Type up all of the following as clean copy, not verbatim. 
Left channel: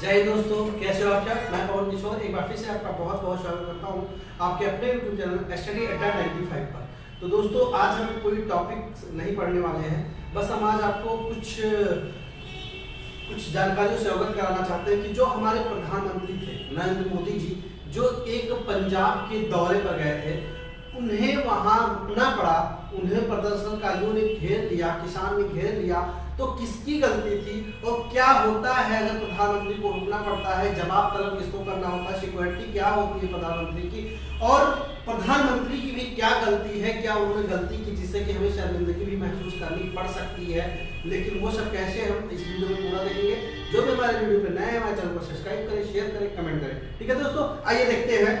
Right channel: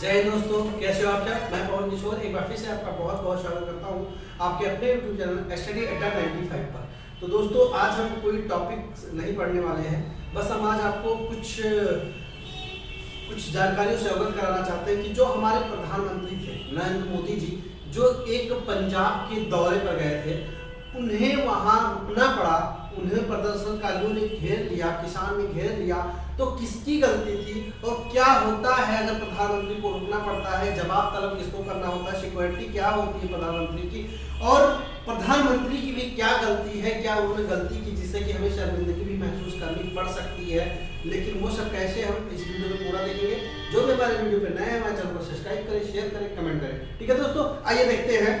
जय हिंद दोस्तों, कैसे हो आप सब। मैं पवन किशोर एक बार फिर से आपका बहुत बहुत स्वागत करता हूं आपके अपने यूट्यूब चैनल स्टडी अड्डा 95 पर। तो दोस्तों, आज हम कोई टॉपिक नहीं पढ़ने वाले हैं, बस हम आज आपको कुछ जानकारियों से अवगत कराना चाहते हैं कि जो हमारे प्रधानमंत्री थे नरेंद्र मोदी जी, जो एक पंजाब के दौरे पर गए थे, उन्हें वहां रुकना पड़ा, उन्हें प्रदर्शनकारियों ने घेर लिया, किसान ने घेर लिया। तो किसकी गलती थी और क्या होता है अगर प्रधानमंत्री को रुकना पड़ता है, जवाब तलब किसको करना होता है, सिक्योरिटी क्या होती है प्रधानमंत्री की, और प्रधानमंत्री की भी क्या गलती है, क्या उन्होंने गलती की जिससे कि हमें शर्मिंदगी भी महसूस करनी पड़ सकती है। लेकिन वो सब कैसे, हम इस वीडियो में पूरा देखेंगे। जो भी हमारे वीडियो पे नए हैं हमारे चैनल को सब्सक्राइब करें, शेयर करें, कमेंट करें। ठीक है दोस्तों, आइए देखते हैं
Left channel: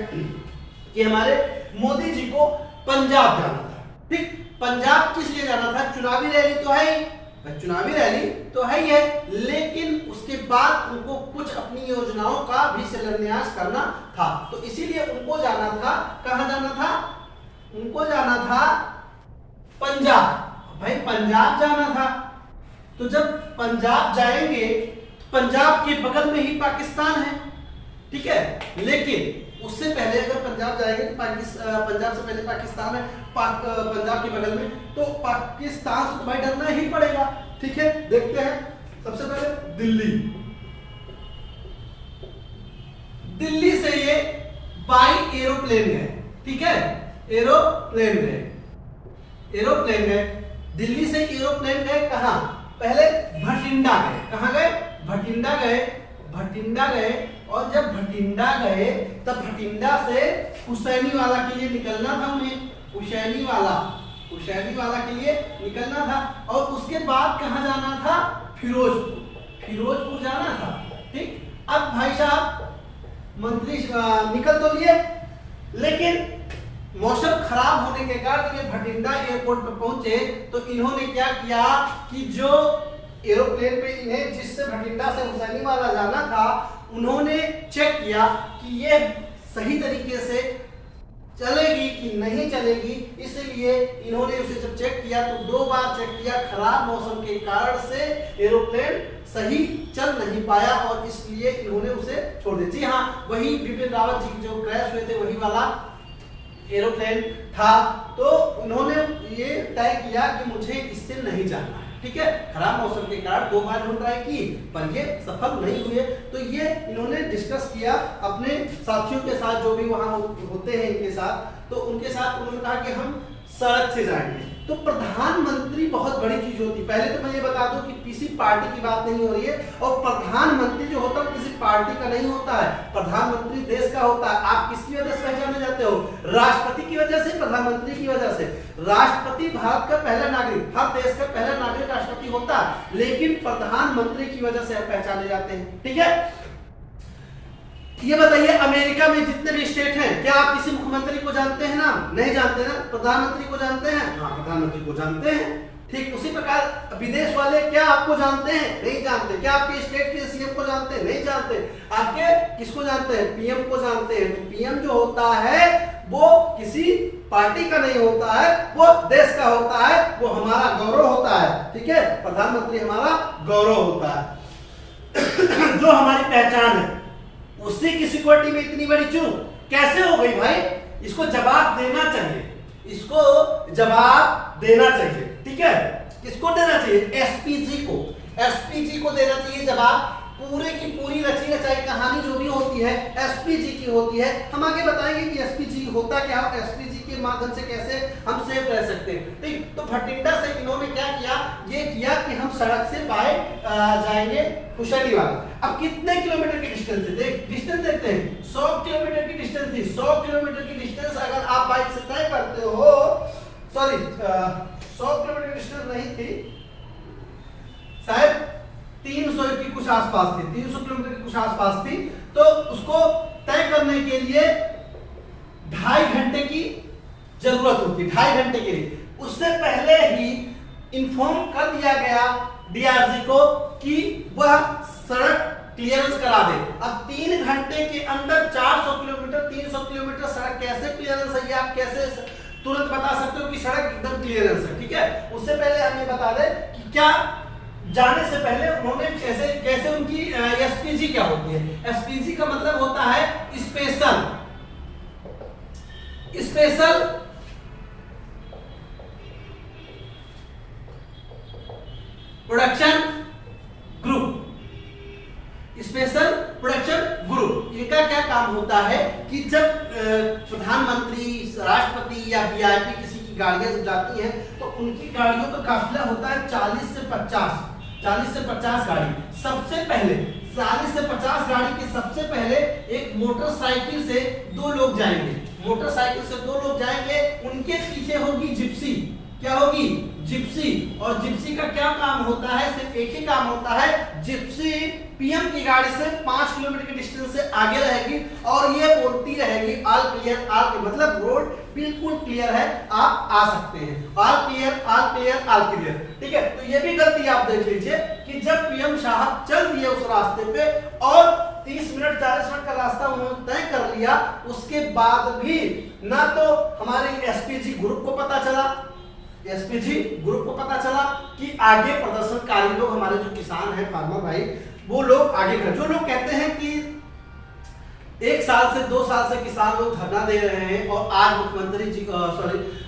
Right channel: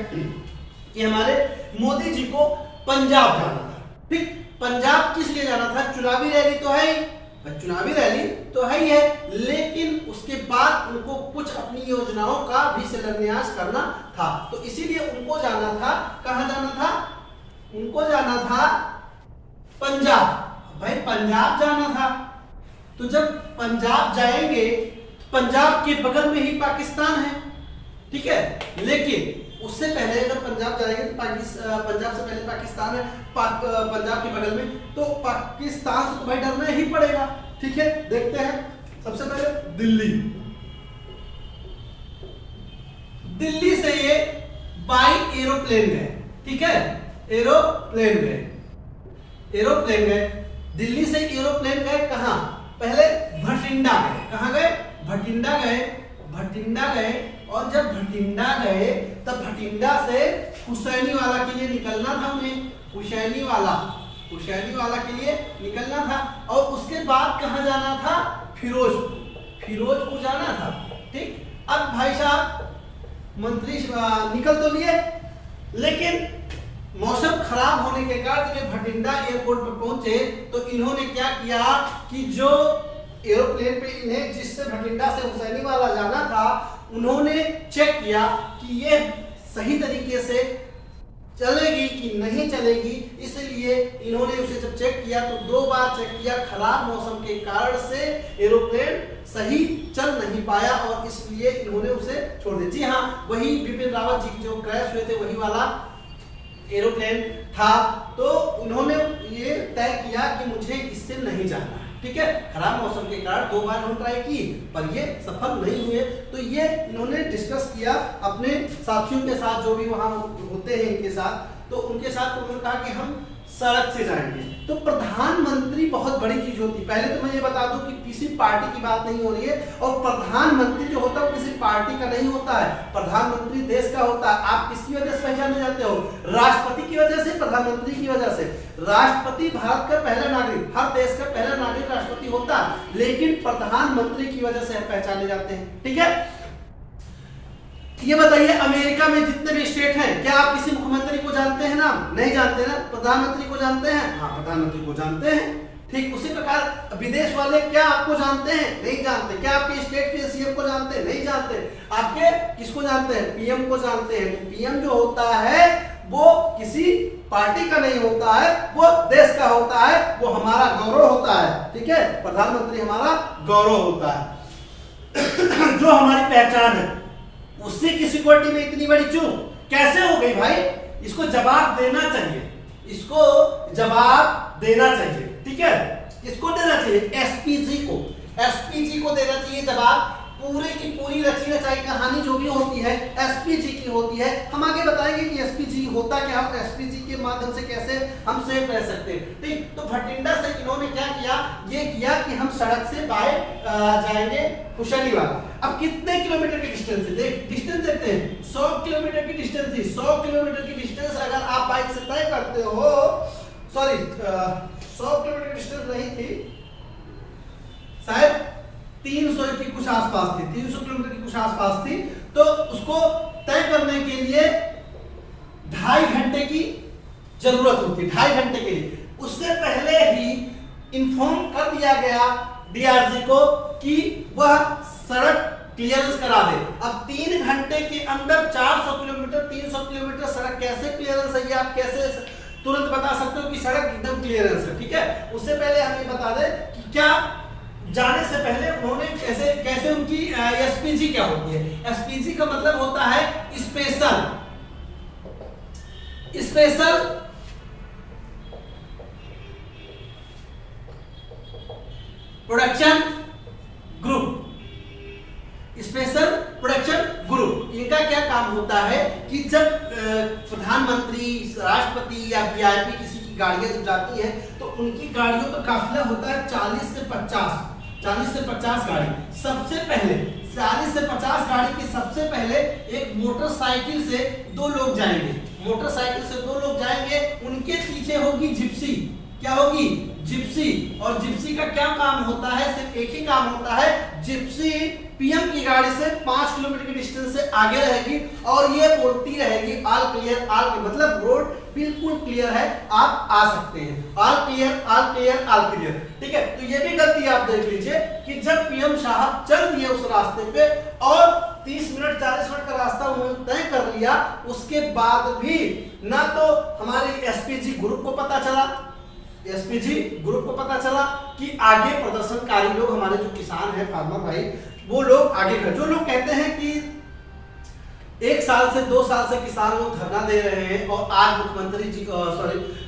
कि हमारे मोदी जी को पंजाब जाना था। ठीक, पंजाब किस लिए जाना था? चुनावी रैली तो है, चुनावी रैली तो है ही है, लेकिन उसके बाद उनको कुछ अपनी योजनाओं का भी शिलान्यास करना था। तो इसीलिए उनको जाना था, कहां जाना था? उनको जाना था पंजाब। भाई पंजाब जाना था, तो जब पंजाब जाएंगे, पंजाब के बगल में ही पाकिस्तान है, ठीक है। लेकिन उससे पहले अगर पंजाब जाएंगे तो पंजाब से पहले पाकिस्तान है, पंजाब के बगल में, तो पाकिस्तान से तो भाई डरना ही पड़ेगा। ठीक है, देखते हैं। सबसे पहले दिल्ली से ये बाई एरोप्लेन गए, ठीक है, एरोप्लेन गए दिल्ली से एरोप्लेन गए कहां? पहले भटिंडा गए। कहां गए? भटिंडा गए। और जब भटिंडा गए तब भटिंडा से हुसैनी वाला के लिए निकलना था उन्हें, हुसैनी वाला के लिए निकलना था। और उसके बाद कहां जाना था? फिरोजपुर जाना था। ठीक, अब भाई साहब मंत्री निकल तो लिए, लेकिन मौसम खराब होने के कारण ये भटिंडा एयरपोर्ट पर पहुंचे तो इन्होंने क्या किया कि जो एरोप्लेन पे इन्हें जिससे भटिंडा से हुसैनी वाला जाना था, उन्होंने चेक किया कि ये सही तरीके से चलेगी कि नहीं चलेगी। इसलिए इन्होंने उसे जब चेक किया तो 2 बार चेक किया। खराब मौसम के कारण से एरोप्लेन सही चल नहीं पाया और इसलिए इन्होंने उसे छोड़ दिया। जी हाँ, वही बिपिन रावत जी जो क्रैश हुए थे वही वाला एरोप्लेन था। तो उन्होंने ये तय किया कि मुझे इससे नहीं जाना है। ठीक है, खराब मौसम के कारण 2 बार इन्होंने ट्राई की पर ये सफल नहीं हुए। तो ये इन्होंने डिस्कस किया अपने साथियों के साथ, जो भी वहां होते हैं इनके साथ, तो उनके साथ उन्होंने कहा कि हम सड़क से जाएंगे। तो प्रधानमंत्री बहुत बड़ी चीज होती है। पहले तो मैं ये बता दूं कि किसी पार्टी की बात नहीं हो रही है, और प्रधानमंत्री जो होता है किसी पार्टी का नहीं होता है, प्रधानमंत्री देश का होता है। आप किसकी वजह से पहचाने जाते हो? राष्ट्रपति की वजह से, प्रधानमंत्री की वजह से। राष्ट्रपति भारत का पहला नागरिक, हर देश का पहला नागरिक राष्ट्रपति होता है, लेकिन प्रधानमंत्री की वजह से पहचाने जाते हैं। ठीक है, ये बताइए अमेरिका में जितने भी स्टेट हैं, क्या आप किसी मुख्यमंत्री को जानते हैं? नाम नहीं जानते ना। प्रधानमंत्री को जानते हैं? हाँ, प्रधानमंत्री को जानते हैं। ठीक उसी प्रकार विदेश वाले क्या आपको जानते हैं? नहीं जानते। क्या आपके स्टेट के सीएम को जानते हैं? नहीं जानते। आपके किसको जानते हैं? पीएम को जानते हैं। तो पीएम जो होता है वो किसी पार्टी का नहीं होता है, वो देश का होता है, वो हमारा गौरव होता है। ठीक है, प्रधानमंत्री हमारा गौरव होता है जो हमारी पहचान है। उससे की सिक्योरिटी में इतनी बड़ी चूक कैसे हो गई भाई? इसको जवाब देना चाहिए, ठीक है। किसको देना चाहिए? एसपीजी को देना चाहिए जवाब। पूरे की पूरी रची रचाई कहानी जो भी होती है एसपीजी की होती है। हम आगे बताएंगे कि एसपीजी होता क्या, एसपीजी के माध्यम से कैसे हम सेफ रह सकते हैं। ठीक, तो भटिंडा से इन्होंने क्या किया? ये किया कि हम सड़क से बाय जाएंगे हुसैनी वाला। अब कितने किलोमीटर की डिस्टेंस है? डिस्टेंस देखते हैं। 100 किलोमीटर की डिस्टेंस थी। 100 किलोमीटर की डिस्टेंस अगर आप बाइक से तय करते हो, सॉरी 100 किलोमीटर की डिस्टेंस नहीं थी, शायद 300 की कुछ आसपास थी, 300 किलोमीटर की कुछ आसपास थी। तो उसको तय करने के लिए 2.5 घंटे की जरूरत होती, 2.5 घंटे के लिए। उससे पहले ही इन्फॉर्म कर दिया गया डीआरजी को कि वह सड़क क्लियरेंस करा दे। अब 3 घंटे के अंदर 400 किलोमीटर 300 किलोमीटर सड़क कैसे क्लियरेंस है, आप कैसे तुरंत बता सकते हो कि सड़क एकदम क्लियरेंस है? ठीक है, उससे पहले हमें बता दें कि क्या जाने से पहले उन्होंने कैसे कैसे उनकी एसपीजी क्या होती है। एसपीजी का मतलब होता है special special production group. Special production group इनका क्या काम होता है कि जब प्रधानमंत्री, राष्ट्रपति या वीआईपी किसी की गाड़ियां जब जाती हैं तो उनकी गाड़ियों का काफिला होता है 40 से 50 गाड़ी। सबसे पहले 40 से 50 गाड़ी के सबसे पहले एक मोटरसाइकिल से 2 लोग जाएंगे। मोटरसाइकिल से 2 लोग जाएंगे, उनके पीछे होगी जिप्सी। क्या होगी? जिप्सी। और जिप्सी का क्या काम होता है? सिर्फ एक ही काम होता है, जिप्सी पीएम की गाड़ी से 5 किलोमीटर के डिस्टेंस से आगे रहेगी और ये बोलती रहेगी ऑल क्लियर, ऑल क्लियर, मतलब रोड बिल्कुल क्लियर है, आप आ सकते हैं। All clear, all clear, all clear. ठीक है, तो ये भी गलती आप देख लीजिए कि जब पीएम साहब चल दिए उस रास्ते पे और 30 मिनट 40 मिनट का रास्ता उन्होंने तय कर लिया, उसके बाद भी ना तो हमारे एसपीजी ग्रुप को पता चला, एसपीजी ग्रुप को पता चला कि आगे प्रदर्शनकारी लोग, हमारे जो किसान हैं, फार्मर भाई, वो लोग आगे कर, जो लोग कहते हैं कि 1 साल से 2 साल से किसान लोग धरना दे रहे हैं और आज मुख्यमंत्री जी को,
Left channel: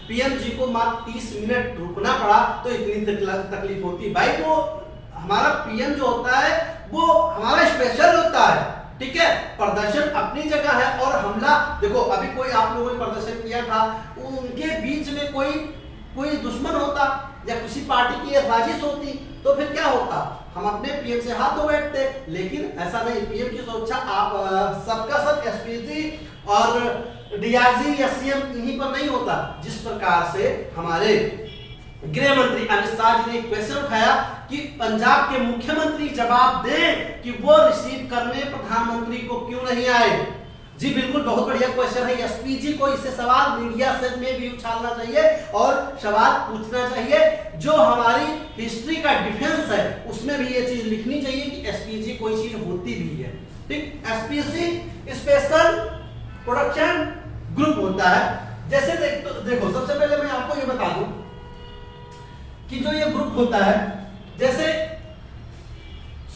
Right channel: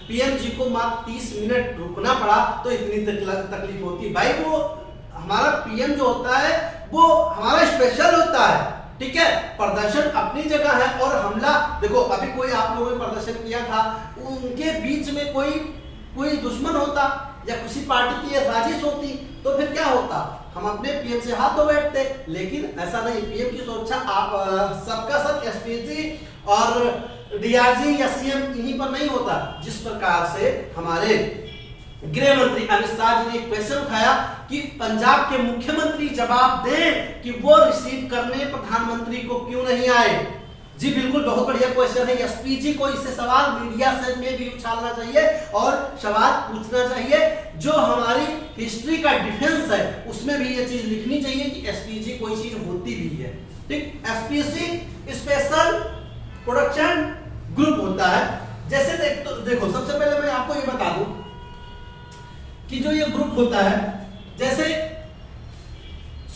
पीएम जी को मात्र 30 मिनट रुकना पड़ा तो इतनी तकलीफ होती। भाई वो हमारा पीएम जो होता है वो हमारा स्पेशल होता है। ठीक है, प्रदर्शन अपनी जगह है और हमला, देखो अभी कोई आप लोगों ने प्रदर्शन किया था, उनके बीच में कोई दुश्मन होता या किसी पार्टी की साजिश होती तो फिर क्या होता? हम अपने पीएम से हाथ धो बैठते, लेकिन ऐसा नहीं। पीएम की सुरक्षा आप सबका सब एसपीजी और डीआईजी या सीएम इन्हीं पर नहीं होता। जिस प्रकार से हमारे गृह मंत्री अमित शाह जी ने एक क्वेश्चन उठाया कि पंजाब के मुख्यमंत्री जवाब दें कि वो रिसीव करने प्रधानमंत्री को क्यों नहीं आए। जी बिल्कुल, बहुत बढ़िया क्वेश्चन है। एसपीजी को इससे सवाल मीडिया से में भी उछालना चाहिए और सवाल पूछना चाहिए। जो हमारी हिस्ट्री का डिफेंस है उसमें भी ये चीज लिखनी चाहिए कि एसपीजी कोई चीज होती भी है। ठीक, एसपीजी स्पेशल प्रोडक्शन ग्रुप होता है। जैसे देखो सबसे पहले मैं आपको ये बता दूं कि जो ये ग्रुप होता है, जैसे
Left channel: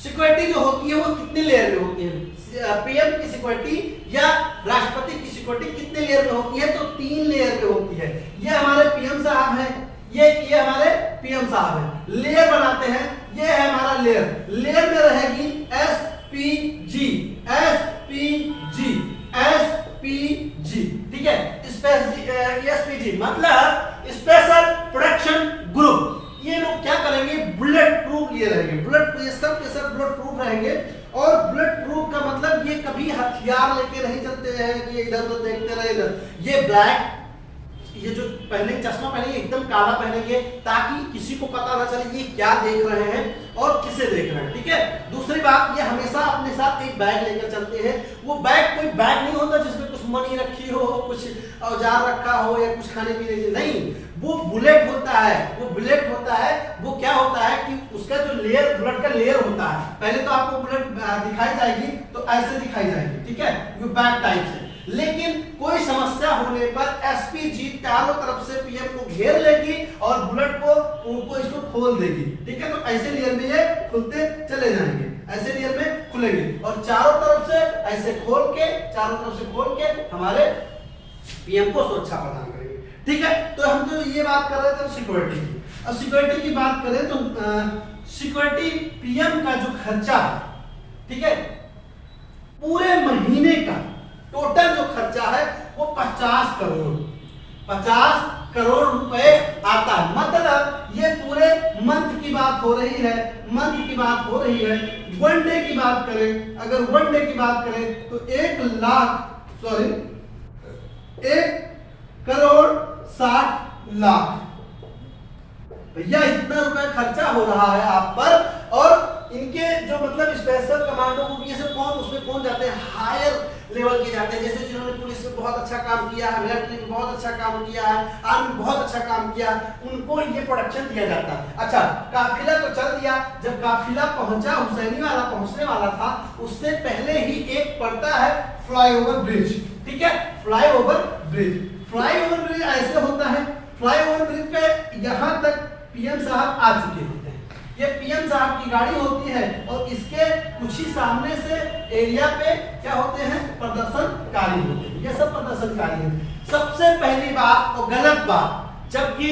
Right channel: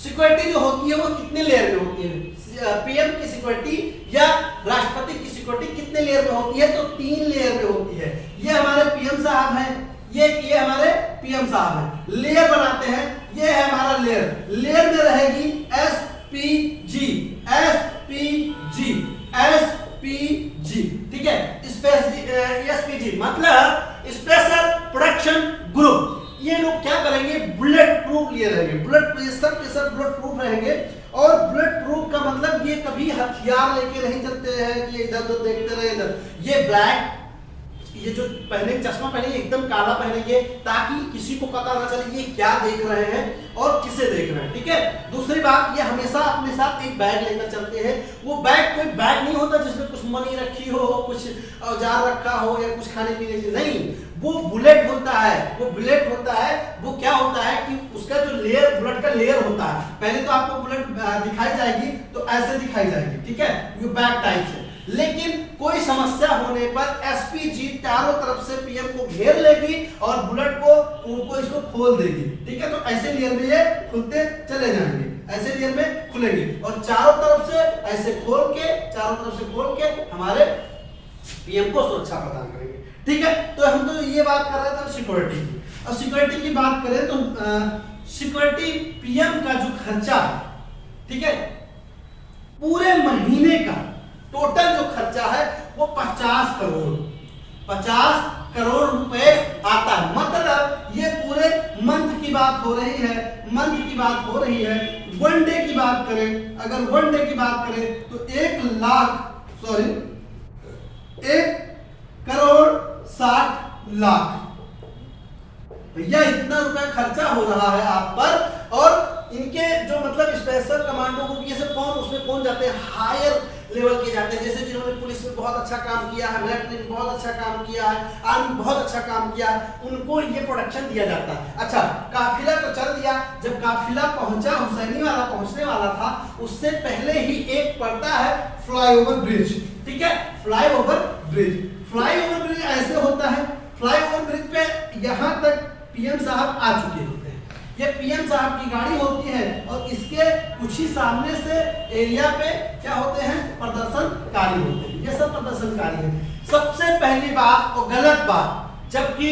सिक्योरिटी जो होती है वो कितने लेयर में होती है? पीएम की सिक्योरिटी या राष्ट्रपति की सिक्योरिटी कितने लेयर में होती है? तो 3 लेयर में होती है। ये हमारे पीएम साहब हैं, ये हमारे पीएम साहब हैं, लेयर बनाते हैं। ये है हमारा लेयर। लेयर में रहेगी एसपीजी, एसपीजी, एसपीजी। ठीक है, एसपीजी मतलब स्पेशल प्रोडक्शन ग्रुप। ये लोग क्या करेंगे? बुलेट प्रूफ लिए रहेंगे, बुलेट सब के सब बुलेट प्रूफ रहेंगे। और बुलेट प्रूफ का मतलब ये कभी हथियार लेके नहीं चलते हैं कि इधर उधर देखते रहे इधर। ये ब्लैक, ये जो पहने चश्मा पहनेंगे एकदम काला पहनेंगे ताकि किसी को पता ना चले ये क्या देख रहे हैं और किसे देख रहे हैं। ठीक है, दूसरी बात, ये हमेशा अपने साथ एक बैग लेकर चलते हैं। वो बैग कोई बैग नहीं होता जिसमें कुछ मनी रखी हो, कुछ औजार रखा हो या कुछ खाने पीने की, नहीं, वो बुलेट होता है। वो बुलेट होता है, वो क्या होता है कि उसका जो लेयर, बुलेट का लेयर होता है। पहले तो आपको बुलेट दिखाई जाएगी तो ऐसे दिखाई जाएगी, ठीक है, ये बैग टाइप से। लेकिन कोई समस्या होने पर एसपीजी चारों तरफ से पीएम को घेर लेगी और बुलेट को इसको खोल देगी। ठीक है, तो ऐसे लेयर में ये खुलते चले जाएंगे, ऐसे लेयर में खुलेंगे और चारों तरफ से ऐसे खोल के, चारों तरफ से खोल के हमारे पीएम को सुरक्षा प्रदान करेंगे। ठीक है, तो हम तो ये बात कर रहे थे सिक्योरिटी की। अब सिक्योरिटी की बात करें तो सिक्योरिटी पीएम का जो खर्चा है, ठीक है, पूरे महीने का टोटल जो खर्चा है वो 50 करोड़ रुपए आता है। मतलब ये पूरे मंथ की बात हो रही है, मंथ की बात हो रही है। 1 डे की बात करें, अगर 1 डे की बात करें तो 1,60,00,000 भैया इतना रुपए खर्चा हो रहा है आप पर। और इनके जो मतलब स्पेशल कमांडो को ये सब उसमें कौन जाते हैं? हायर लेवल के जाते हैं। जैसे जिन्होंने पुलिस में बहुत अच्छा काम किया है, मिलिट्री में बहुत अच्छा काम किया है, आर्मी में बहुत अच्छा काम किया, उनको ये प्रोडक्शन दिया जाता है। अच्छा, काफिला तो चल दिया, जब काफिला पहुंचा, हुसैनी वाला पहुंचने वाला था, उससे पहले ही एक पड़ता है फ्लाईओवर ब्रिज। ठीक है, फ्लाईओवर ब्रिज। फ्लाईओवर ब्रिज ऐसे होता है, फ्लाईओवर ब्रिज पे यहां तक पीएम साहब आ चुके होते हैं। ये पीएम साहब की गाड़ी होती है और इसके कुछ ही सामने से एरिया पे क्या होते हैं, प्रदर्शनकारी होते हैं। ये सब प्रदर्शनकारी हैं। सबसे पहली बात और गलत बात, जबकि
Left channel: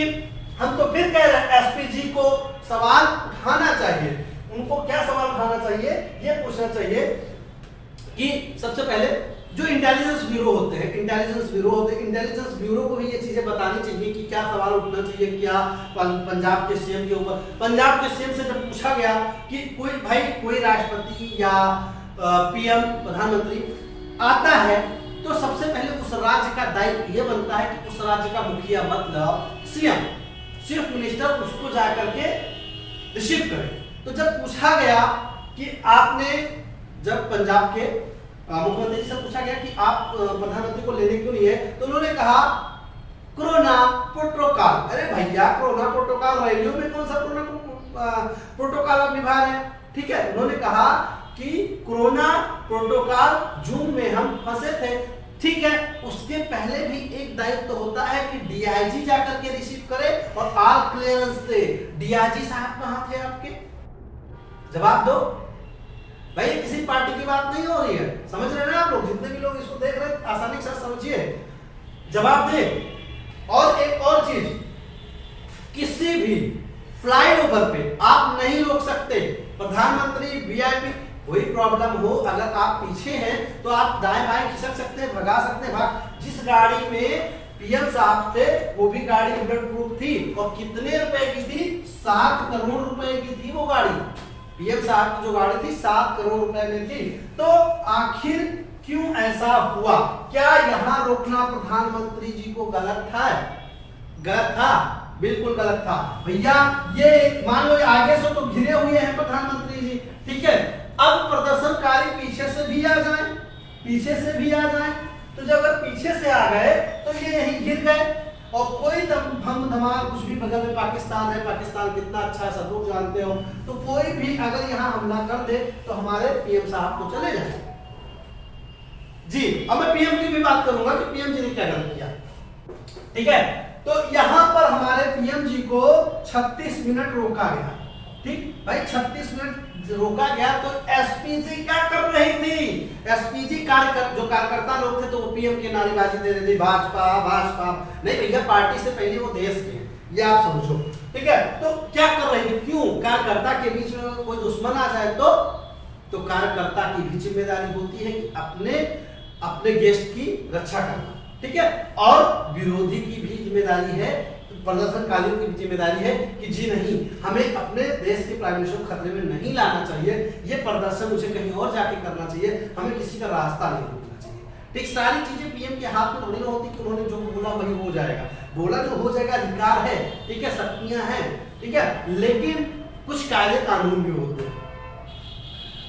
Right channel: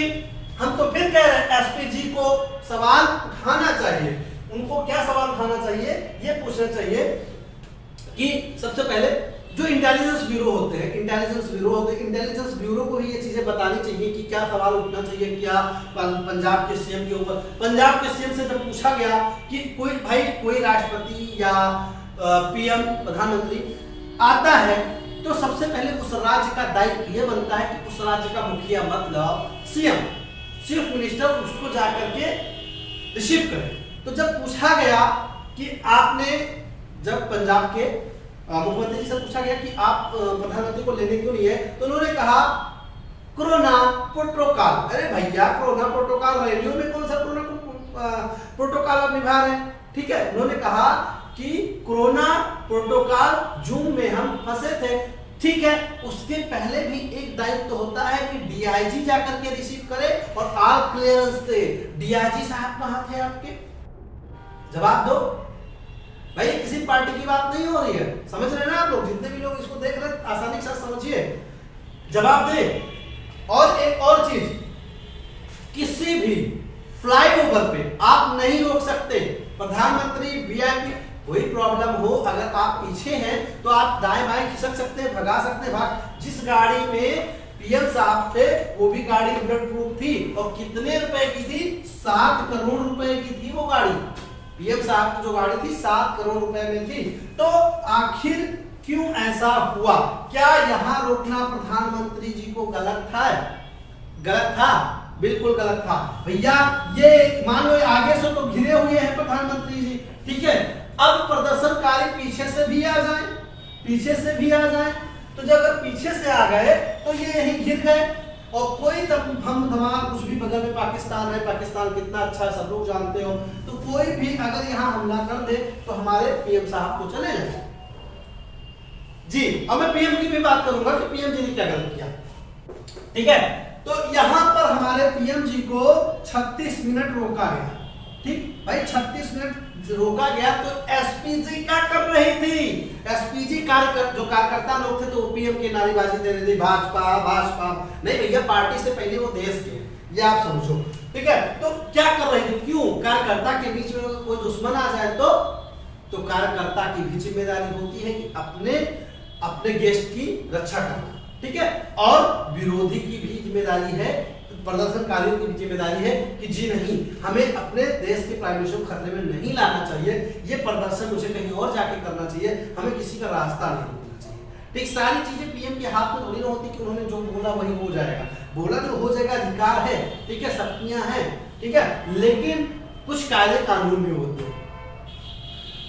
हम तो फिर कह रहे हैं एसपी जी को सवाल उठाना चाहिए। उनको क्या सवाल उठाना चाहिए, ये पूछना चाहिए कि सबसे पहले जो इंटेलिजेंस ब्यूरो होते हैं, इंटेलिजेंस ब्यूरो को भी ये चीजें बतानी चाहिए कि क्या सवाल उठना चाहिए, क्या पंजाब के सीएम के ऊपर। पंजाब के सीएम से जब पूछा गया कि कोई राष्ट्रपति या पीएम प्रधानमंत्री आता है तो सबसे पहले उस राज्य का दायित्व ये बनता है कि उस राज्य का मुखिया मतलब सीएम, चीफ मिनिस्टर उसको जाकर के रिसीव करे। तो जब पूछा गया कि आपने, जब पंजाब के मुख्यमंत्री से पूछा गया कि आप प्रधानमंत्री को लेने क्यों नहीं है, तो उन्होंने कहा कोरोना प्रोटोकॉल। अरे भैया, कोरोना प्रोटोकॉल रैलियों में कौन सा कोरोना प्रोटोकॉल आप निभा रहे हैं? ठीक है, उन्होंने कहा कि कोरोना प्रोटोकॉल जून में हम फंसे थे। ठीक है, उसके पहले भी एक दायित्व तो होता है कि डीआईजी जाकर के रिसीव करे और ऑल क्लियरेंस दे। डीआईजी साहब कहां थे आपके? जवाब दो भाई। किसी पार्टी की बात नहीं हो रही है, समझ रहे ना आप लोग? जितने भी लोग इसको देख रहे हैं आसानी के साथ समझिए, जवाब दे। और एक और चीज, किसी भी फ्लाईओवर पे आप नहीं रोक सकते प्रधानमंत्री, वीआईपी। कोई प्रॉब्लम हो, अगर आप पीछे हैं तो आप दाएं बाएं खिसक सकते हैं, भगा सकते हैं। जिस गाड़ी में पीएम साहब थे वो भी गाड़ी बुलेट प्रूफ थी और कितने रुपए की थी? 7 करोड़ रुपए की थी वो गाड़ी। पीएम साहब की जो गाड़ी थी 7 करोड़ रुपए में थी। तो आखिर क्यों ऐसा हुआ? क्या यहां रोकना प्रधानमंत्री जी को गलत था? गलत था, बिल्कुल गलत था भैया। ये मान लो आगे से तो घिरे हुए हैं प्रधानमंत्री जी, ठीक है। अब प्रदर्शनकारी पीछे से भी आ जाए, पीछे से भी आ जाए, तो जब अगर पीछे से आ गए तो ये यहीं घिर गए। और कोई हम धमाल कुछ भी, बगल में पाकिस्तान है, पाकिस्तान कितना अच्छा है सब लोग जानते हो, तो कोई भी अगर यहाँ हमला कर दे तो हमारे पीएम साहब को चले जाए जी। अब मैं पीएम की भी बात करूंगा कि पीएम जी ने क्या गलत किया, ठीक है। तो यहां पर हमारे पीएम जी को 36 मिनट रोका गया, ठीक भाई। 36 मिनट रोका गया तो एसपीजी क्या कर रही थी? एसपीजी जो कार्यकर्ता लोग थे तो पीएम के नारेबाजी दे रहे थे, भाजपा भाजपा। नहीं भैया, पार्टी से पहले वो देश के, ये आप समझो, ठीक है। तो क्या कर रहे थे? क्यों? कार्यकर्ता के बीच में कोई दुश्मन आ जाए तो कार्यकर्ता की भी जिम्मेदारी होती है कि अपने गेस्ट की रक्षा करना, ठीक है। और विरोधी की भी जिम्मेदारी है, प्रदर्शनकारियों की भी जिम्मेदारी है कि जी नहीं, हमें अपने देश के प्राइम मिनिस्टर को खतरे में नहीं लाना चाहिए, ये प्रदर्शन मुझे कहीं और जाके करना चाहिए, हमें किसी का रास्ता नहीं रोकना चाहिए। ठीक, सारी चीजें पीएम के हाथ में थोड़ी ना होती कि उन्होंने जो बोला वही हो जाएगा। बोला जो हो जाएगा, अधिकार है, ठीक है, शक्तियां हैं, ठीक है, लेकिन कुछ कायदे कानून भी होते हैं।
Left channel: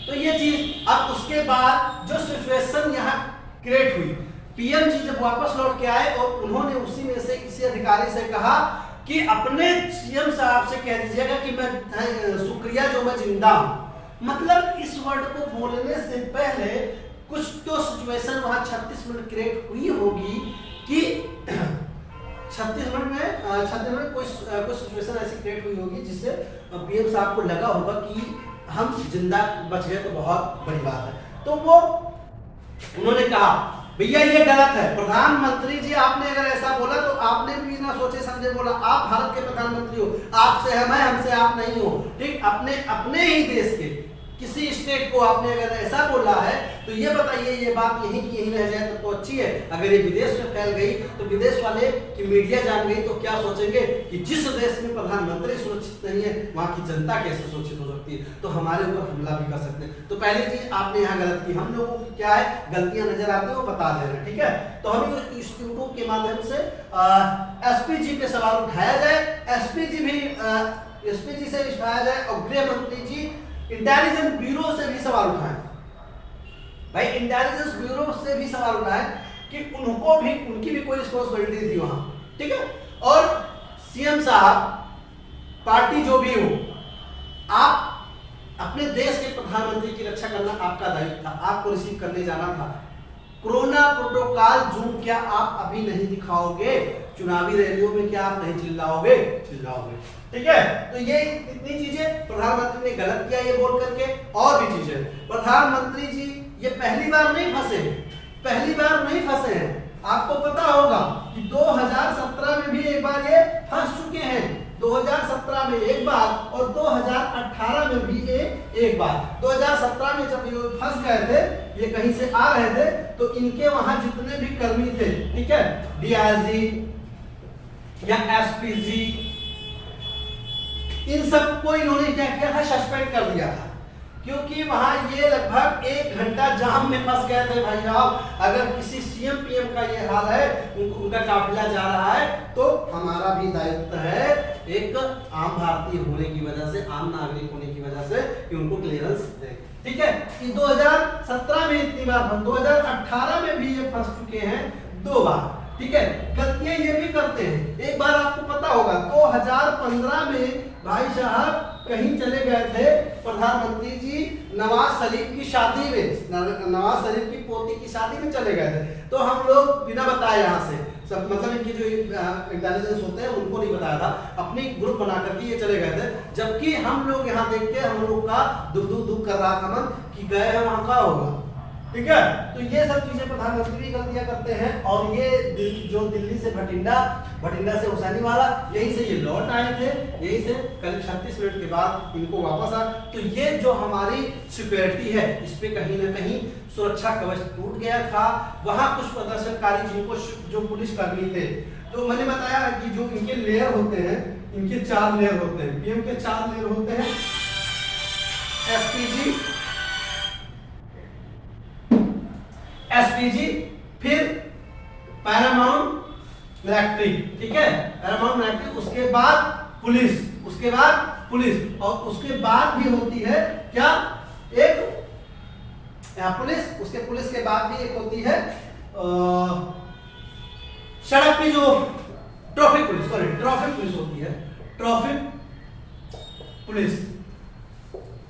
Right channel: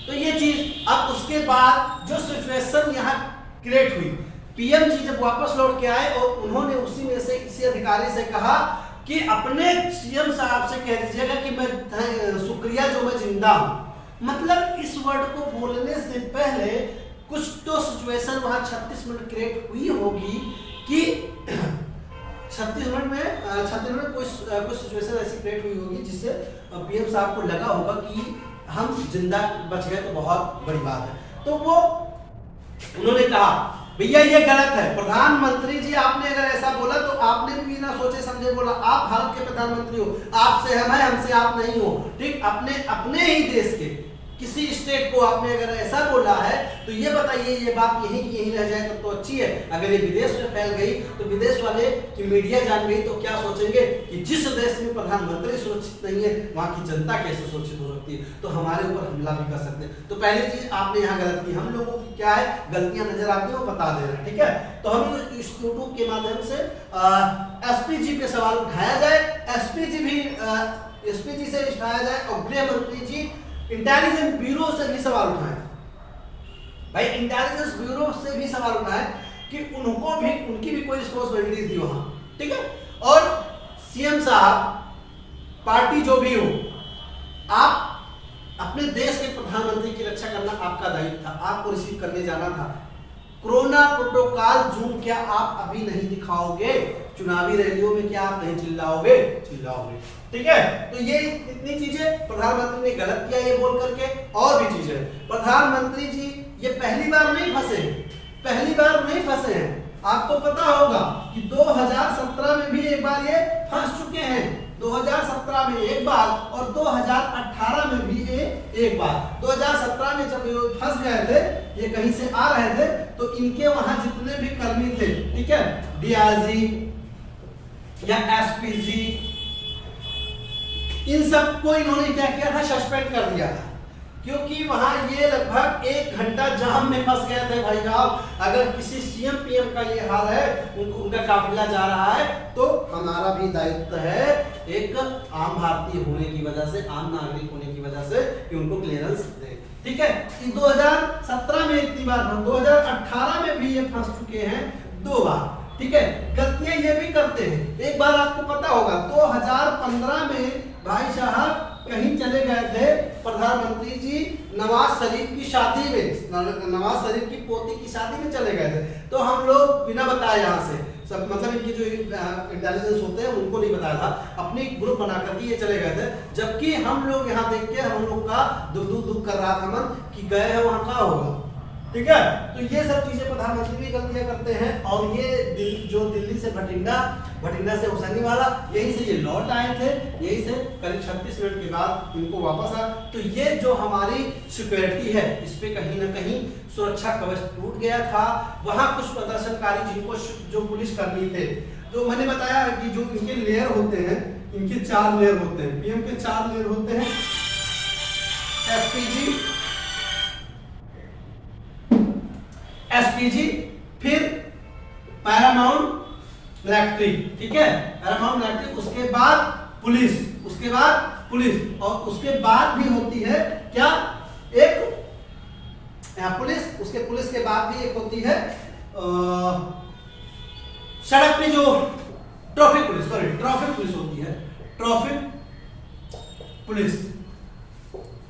तो ये चीज, अब उसके बाद जो सिचुएशन यहाँ क्रिएट हुई, पीएम जी जब वापस लौट के आए और उन्होंने उसी में से किसी अधिकारी से कहा कि अपने सीएम साहब से कह दीजिएगा कि मैं शुक्रिया जो मैं जिंदा हूं। मतलब इस वर्ड को बोलने से पहले कुछ तो सिचुएशन वहां 36 मिनट क्रिएट हुई होगी कि 36 मिनट में कोई सिचुएशन ऐसी क्रिएट हुई होगी जिससे पीएम साहब को लगा होगा कि हम जिंदा बच गए तो बहुत बड़ी बात है। तो वो उन्होंने कहा भैया ये गलत है, प्रधानमंत्री जी आपने अगर ऐसा बोला तो आपने भी ना सोचे समझे बोला। आप भारत के प्रधानमंत्री हो, आपसे हम है, हमसे आप नहीं हो, ठीक। अपने ही देश के किसी स्टेट को आपने अगर ऐसा बोला है तो ये बताइए ये बात यहीं की यहीं रह जाए तो अच्छी है। अगर ये विदेश में फैल गई तो विदेश वाले की मीडिया जान गई तो क्या सोचेंगे कि जिस देश में प्रधानमंत्री सुरक्षित नहीं है वहां की जनता कैसे सुरक्षित हो सकती है, तो हमारे ऊपर हमला भी कर सकते हैं। तो पहली चीज आपने यहाँ गलत की, हम लोगों की क्या है गलतियां नजर आती है वो बता दे रहे हैं, ठीक है। तो हम इस यूट्यूब के माध्यम से एसपीजी पे सवाल उठाया जाए, एसपीजी से उठाया जाए और गृह मंत्री जी इंटेलिजेंस ब्यूरो से भी सवाल उठाएं भाई, इंटेलिजेंस ब्यूरो से भी सवाल उठाएं कि उनकी भी कोई रिस्पांसिबिलिटी थी वहां, ठीक है। और सीएम साहब, पार्टी जो भी हो, आप अपने देश के प्रधानमंत्री की रक्षा करना आपका दायित्व था, आपको रिसीव करने जाना था, कोरोना प्रोटोकॉल जूम क्या आप अभी नहीं दिखाओगे? चुनावी रैलियों में क्या आप नहीं चिल्लाओगे? चिल्लाओगे। ठीक है, तो ये इतनी चीजें प्रधानमंत्री ने गलत किया ये बोल करके। और भी चीजें, प्रधानमंत्री जी ये पहली बार नहीं फंसे हैं, पहली बार नहीं फंसे हैं। आपको पता होगा कि 2017 में भी एक बार ये फंस चुके हैं, 2017 में एक बार और 2018 में भी एक बार। 2017 में जब ये फंस गए थे, ये कहीं से आ रहे थे, तो इनके वहां जितने भी कर्मी थे, ठीक है, डीआईजी या एसपीजी, इन सबको इन्होंने क्या किया था? सस्पेंड कर दिया था, क्योंकि वहां ये लगभग 1 घंटा जाम में फंस गए थे। भाई साहब, अगर किसी सीएम पीएम का ये हाल है, उनका काफिला जा रहा है, तो हमारा भी दायित्व है एक आम भारतीय होने की वजह से, आम नागरिक होने की वजह से, कि उनको क्लियरेंस दे। ठीक है, 2017 में इतनी बार, 2018 में भी ये फंस चुके हैं 2 बार। ठीक है, गलतियां ये भी करते हैं। एक बार आपको पता होगा 2015 में भाई साहब कहीं चले गए थे प्रधानमंत्री जी, नवाज शरीफ की शादी में, नवाज शरीफ की पोती की शादी में चले गए थे। तो हम लोग बिना बताए यहाँ से सब, मतलब इनकी जो इंटेलिजेंस होते हैं उनको नहीं बताया था, अपनी ग्रुप बना करके ये चले गए थे। जबकि हम लोग यहाँ देख के हम लोग का दुख कर रहा था मन कि गए हैं वहां का होगा। ठीक है, तो ये सब चीजें प्रधानमंत्री भी गलतियां करते हैं। और ये जो दिल्ली से भटिंडा, भटिंडा से हुसैनी वाला, यहीं से ये लौट आए थे, यहीं से करीब 36 मिनट के बाद इनको वापस आ। तो ये जो हमारी सिक्योरिटी है, इस पे कहीं ना कहीं सुरक्षा कवच टूट गया था। वहां कुछ प्रदर्शनकारी जिनको जो पुलिस कर्मी थे, जो मैंने बताया कि जो इनके लेयर होते हैं, इनके 4 लेयर होते हैं, पीएम के 4 लेयर होते हैं, एसपीजी, फिर पैरामाउंट मिलिट्री। ठीक है, पैरामाउंट मिलिट्री, उसके बाद पुलिस, उसके बाद पुलिस, और उसके बाद भी होती है क्या? एक पुलिस, उसके पुलिस के बाद भी एक होती है सड़क पे जो traffic police, sorry traffic police होती है, ट्रैफिक पुलिस।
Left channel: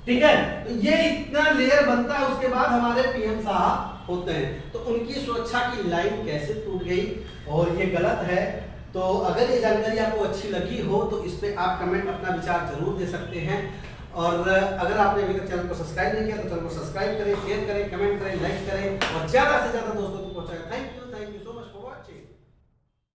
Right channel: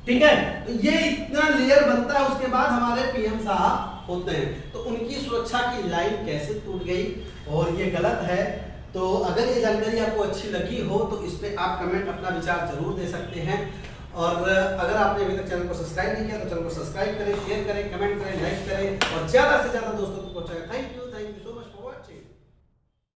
ठीक है, तो ये इतना लेयर बनता है, उसके बाद हमारे पीएम साहब होते हैं। तो उनकी सुरक्षा की लाइन कैसे टूट गई, और ये गलत है। तो अगर ये जानकारी आपको अच्छी लगी हो तो इस पे आप कमेंट अपना विचार जरूर दे सकते हैं। और अगर आपने अभी तक चैनल को सब्सक्राइब नहीं किया तो चैनल को सब्सक्राइब करें, शेयर करें, कमेंट करें, लाइक करें और ज्यादा से ज्यादा दोस्तों को पहुंचाएं। Thank you.